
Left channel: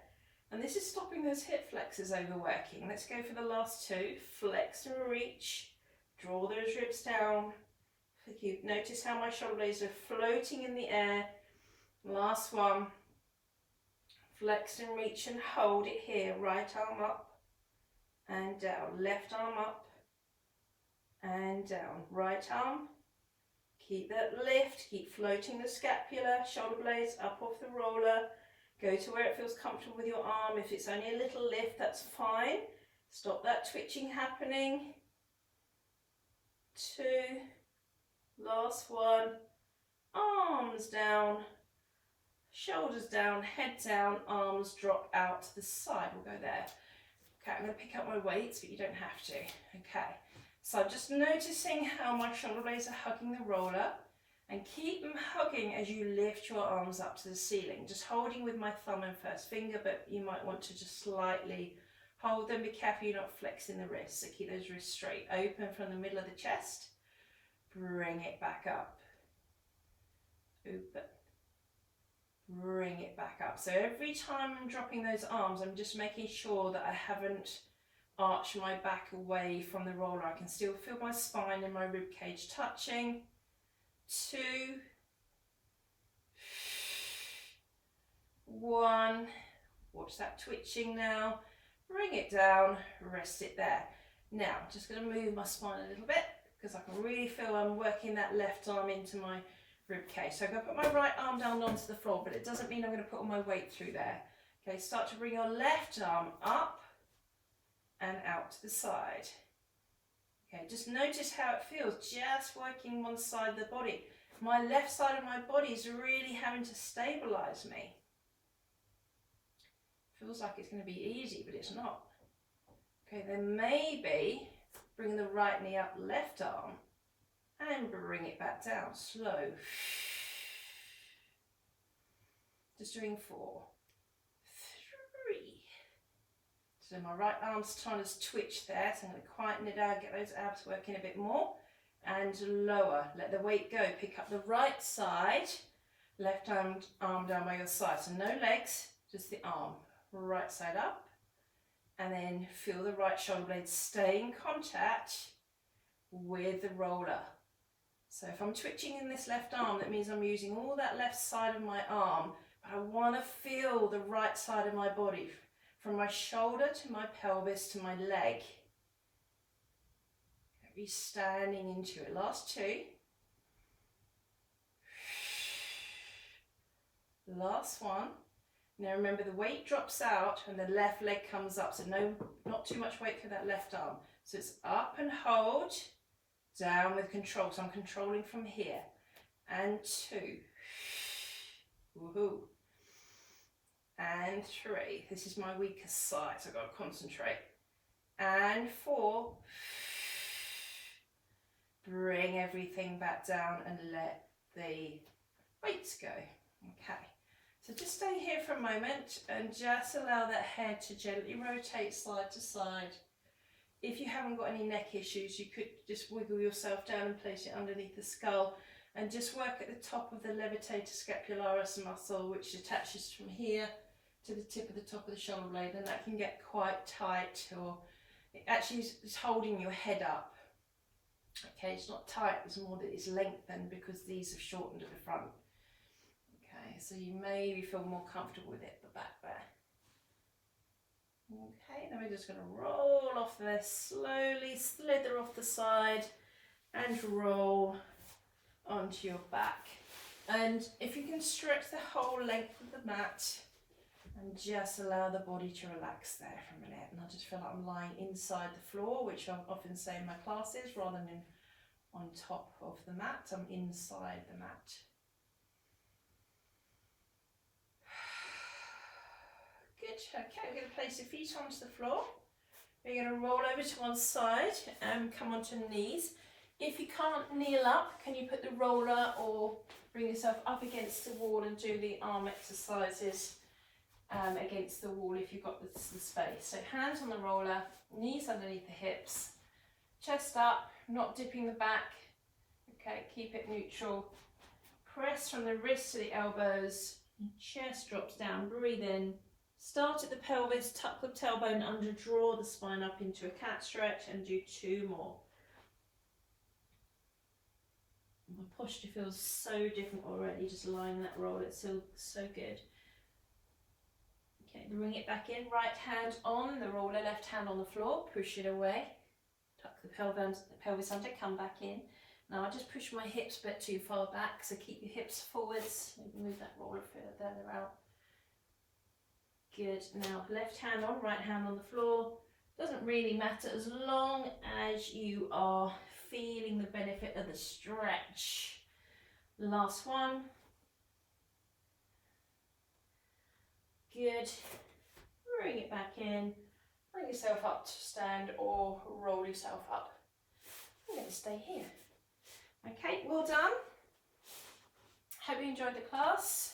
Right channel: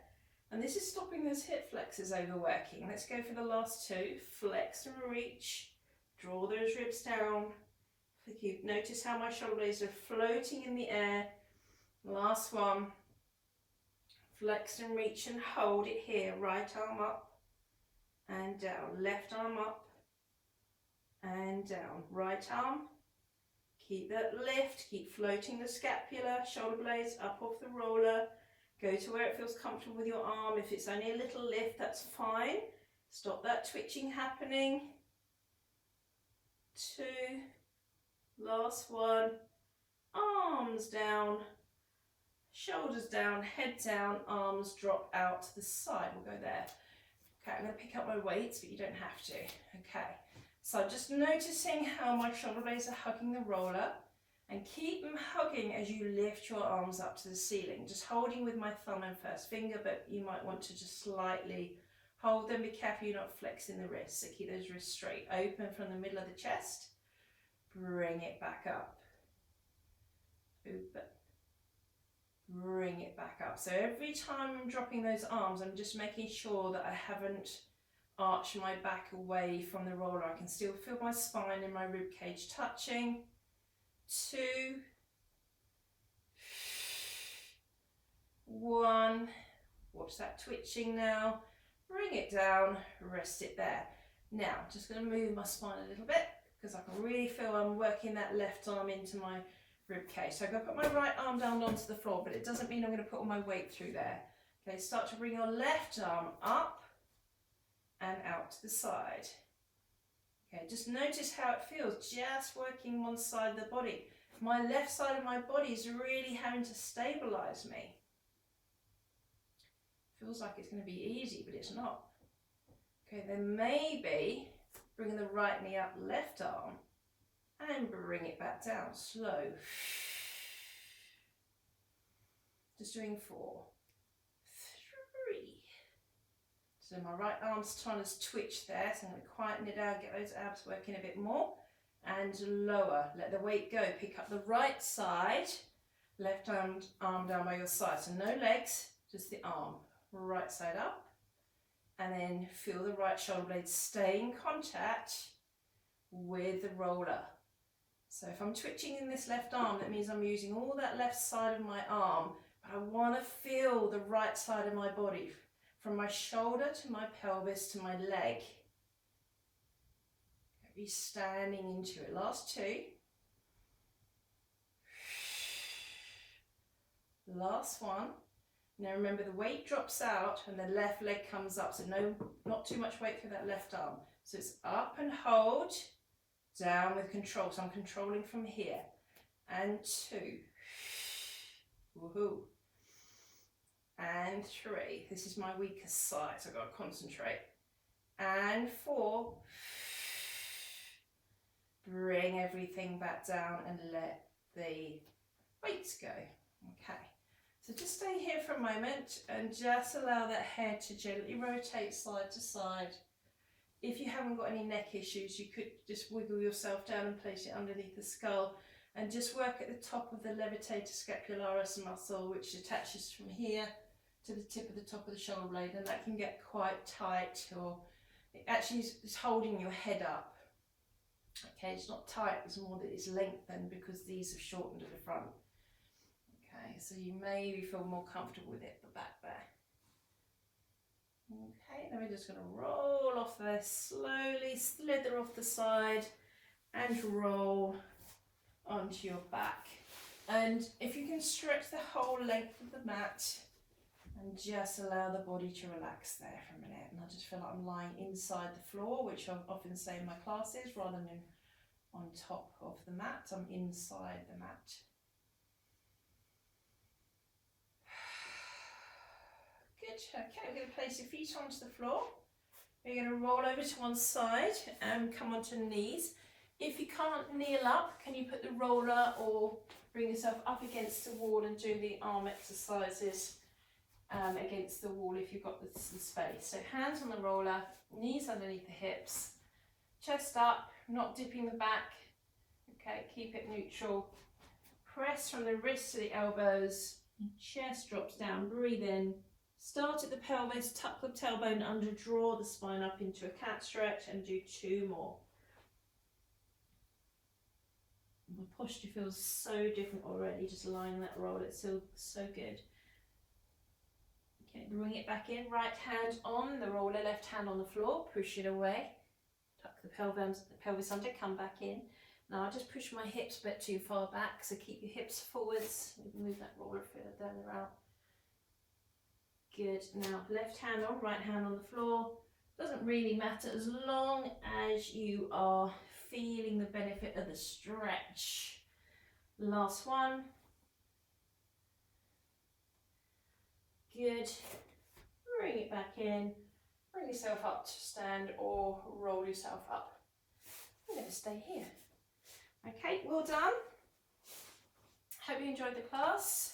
And this is stopping those hip flexors overworking. Let's go for the last two. Flex and reach. Draw those ribs down. Notice how my shoulder blades are floating in the air. Last one. Flex and reach and hold it here. Right arm up and down. Left arm up and down. Right arm. Keep that lift. Keep floating the scapula. Shoulder blades up off the roller. Go to where it feels comfortable with your arm. If it's only a little lift, that's fine. Stop that twitching happening. Two. Last one. Arms down. Shoulders down, head down, arms drop out to the side. We'll go there. Okay, I'm going to pick up my weights, but you don't have to. Okay, so just noticing how my shoulder blades are hugging the roller, and keep them hugging as you lift your arms up to the ceiling. Just holding with my thumb and first finger, but you might want to just slightly hold them. Be careful you're not flexing the wrists. So keep those wrists straight, open from the middle of the chest. Bring it back up. Open. Bring it back up. So every time I'm dropping those arms, I'm just making sure that I haven't arched my back away from the roller. I can still feel my spine and my rib cage touching. Two. One. Watch that twitching now. Bring it down, rest it there. Now, just going to move my spine a little bit because I can really feel I'm working that left arm into my rib cage. So I'm going to put my right arm down onto the floor, but it doesn't mean I'm going to put all my weight through there. Okay, start to bring your left arm up and out to the side. Okay, just notice how it feels, just working one side of the body. My left side of my body is really having to stabilize me. Feels like it's going to be easy, but it's not. Okay, then maybe bring the right knee up, left arm, and bring it back down, slow. Just doing 4, 3. So my right arm's trying to twitch there, so I'm going to quieten it down, get those abs working a bit more, and lower. Let the weight go. Pick up the right side, left arm down by your side. So no legs, just the arm. Right side up, and then feel the right shoulder blade stay in contact with the roller. So if I'm twitching in this left arm, that means I'm using all that left side of my arm, but I want to feel the right side of my body, from my shoulder to my pelvis to my leg. Be standing into it. Last 2. Last 1. Now remember, the weight drops out and the left leg comes up, so no, not too much weight for that left arm. So it's up and hold, down with control. So I'm controlling from here. And 2. Woohoo. And 3. This is my weakest side, so I've got to concentrate. And 4. Bring everything back down and let the weights go. Okay. So just stay here for a moment and just allow that head to gently rotate side to side. If you haven't got any neck issues, you could just wiggle yourself down and place it underneath the skull and just work at the top of the levitator scapularis muscle, which attaches from here to the tip of the top of the shoulder blade, and that can get quite tight, or it actually is holding your head up. Okay, it's not tight, it's more that it's lengthened because these have shortened at the front. Okay, so you maybe feel more comfortable with it at the back there. Okay, then we're just going to roll off there, slowly slither off the side and roll onto your back. And if you can stretch the whole length of the mat and just allow the body to relax there for a minute. And I just feel like I'm lying inside the floor, which I often say in my classes, rather than on top of the mat. I'm inside the mat. Good. Okay, we're going to place your feet onto the floor. We're going to roll over to one side and come onto knees. If you can't kneel up, can you put the roller or bring yourself up against the wall and do the arm exercises against the wall if you've got the space. So hands on the roller, knees underneath the hips, chest up, not dipping the back. Okay, keep it neutral. Press from the wrists to the elbows, chest drops down, breathe in. Start at the pelvis, tuck the tailbone under, draw the spine up into a cat stretch, and do 2 more. My posture feels so different already, just lying in that roll. It feels so good. Okay, bring it back in, right hand on the roller, left hand on the floor, push it away. Tuck the pelvis under, come back in. Now I'll just push my hips a bit too far back, so keep your hips forwards. Move that roller further out. Good. Now left hand on, right hand on the floor. Doesn't really matter as long as you are feeling the benefit of the stretch. Last one. Good. Bring it back in. Bring yourself up to stand or roll yourself up. I'm going to stay here. Okay, well done. Hope you enjoyed the class.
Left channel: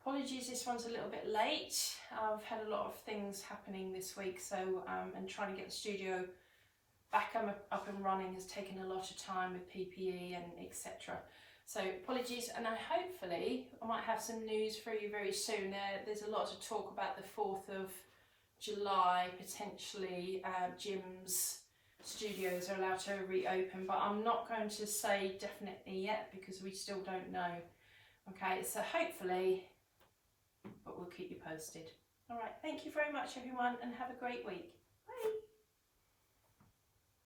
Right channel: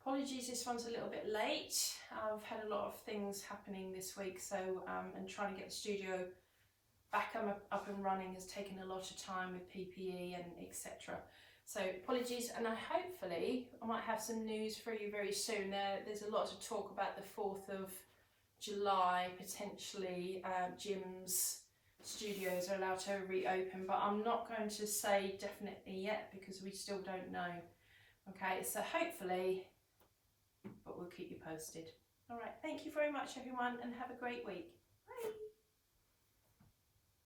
Apologies, this one's a little bit late. I've had a lot of things happening this week, so and trying to get the studio back up and running has taken a lot of time with PPE and etc. So apologies, and I might have some news for you very soon. There's a lot to talk about the 4th of July, potentially gyms, studios are allowed to reopen, but I'm not going to say definitely yet because we still don't know. Okay, so hopefully, but we'll keep you posted. All right, thank you very much everyone and have a great week. Bye.